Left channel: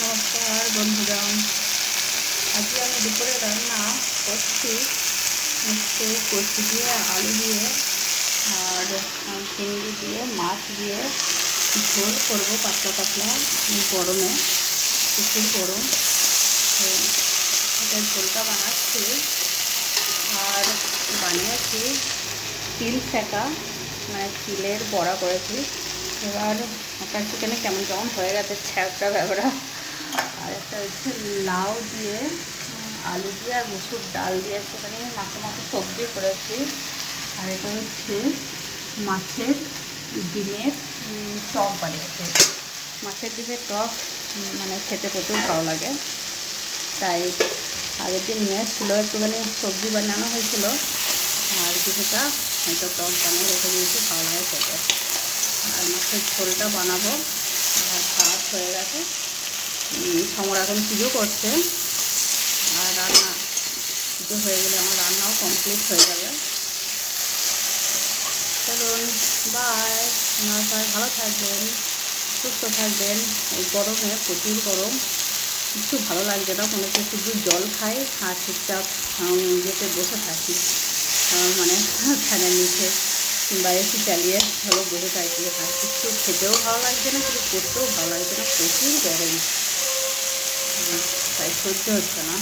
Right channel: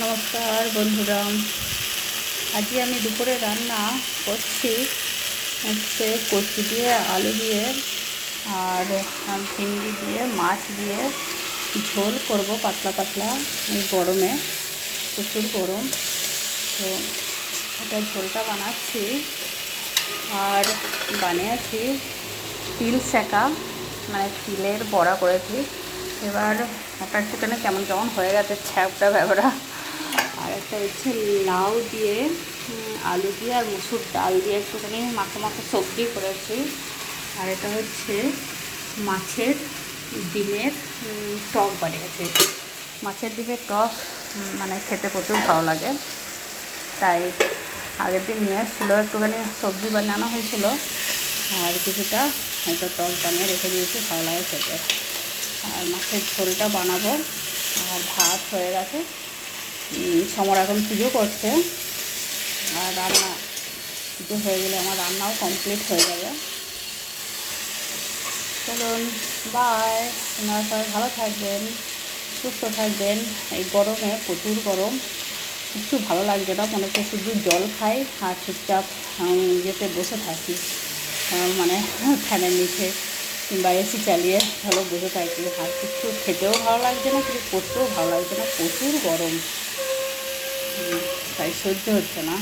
নমস্কার বন্ধুরা, আজকে আমি দুপুরে রান্না করছি হচ্ছে কচু দিয়ে, আলু দিয়ে আর চিংড়ি দিয়ে, মাছ দিয়ে ঝোল করব পাতলা পাতলা। এই গরমে প্রচুর গরম, তো এটা ঝোলটা বানাচ্ছি। আর বানিয়েছি তিল সেকা, মানে তিলের বড়া করেছি। এবার একটা একটুখানি কেমন কেমন হয়ে গেছে, ছ্যাপটা ব্যাপারা। আর একটা হচ্ছে লাউ দিয়ে, আলু দিয়ে আর মুসুর ডাল দিয়ে একটুখানি মাখো মাখো সবজি করেছি। আর এটা হচ্ছে মাছের ডিমের টক বানিয়েছি। মাছের ডিমের টক মানে খেতে প্রচুর ভালো লাগে, তাই আগের দিন নিয়ে এসেছিলো, একটুখানি সবজি বানানো হয়েছিল আর কিছুটা হয়তো টক বানিয়ে রেখে দিয়েছি, ভালো লাগে খেতে। আর মাছের ঝোলটা বানাবো। আর ভাত হয়ে গেছে, সমর এখন পুজো করছে। আর রান্না পুজো হয়ে গেলে আমার রান্নাও কমপ্লিট হয়ে যাবে। চলুন, বাই। আপনারা সবাই ভালো থাকবেন, সুস্থ থাকবেন। এই গরমে প্রচুর গরম, কিছু ভালো লাগছে না, মনে হচ্ছে শুধু জল খাই আর চুপচাপ ইয়েতে বসে থাকি, মানে ফ্যানের নিচে কিংবা এসি চালিয়ে ভালো বসে থাকি। আর কিছু খেতেও ভালো লাগছে না, কিছু করতেও ভালো লাগছে না, প্রচুর গরম, তাই সহ্য হচ্ছে না।